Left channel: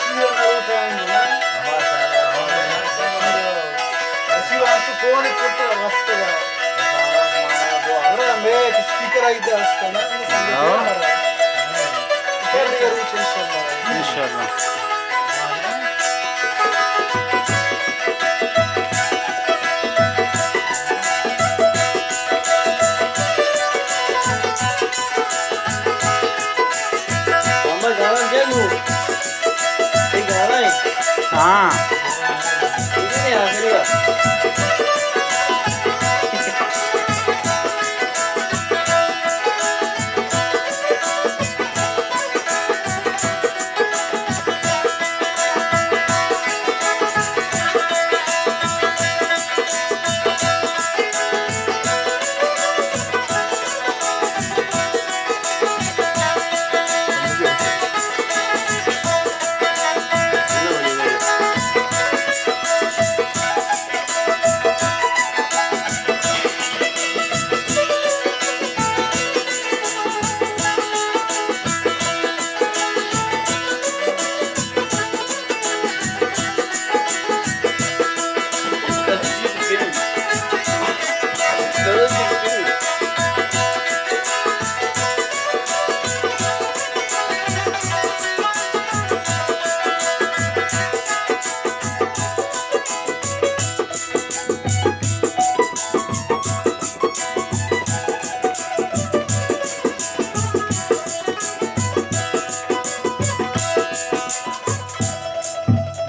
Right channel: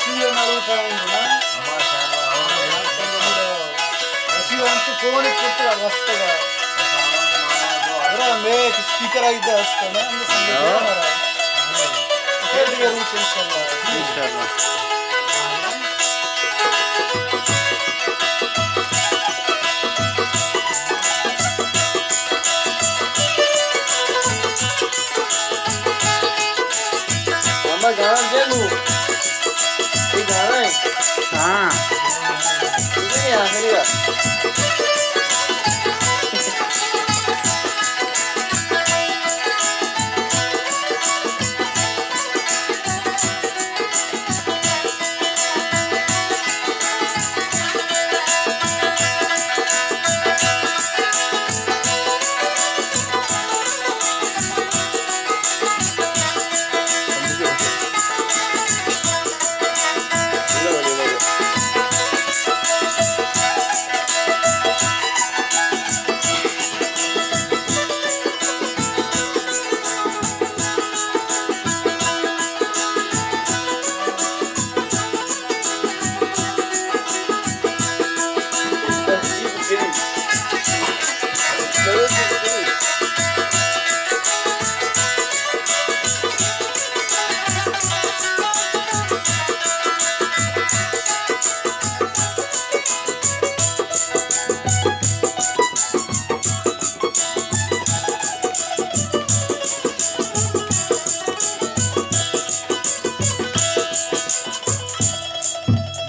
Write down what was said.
CEO नरुटाइम ना CEO ಅಂತೂ ಕೋಣೆ ಕೊಟ್ಟು ರಸ್ತೆಗ अरे मैं स्पीकर आइदा असताना अंद संगीत ಹೇಳಿ ರೂಚ್ ಇನ್ಶಾಅಲ್ಲಾಹ್ हमारा गाना क्या नू ये गाना है हाँ ठीक है नहीं आ करिया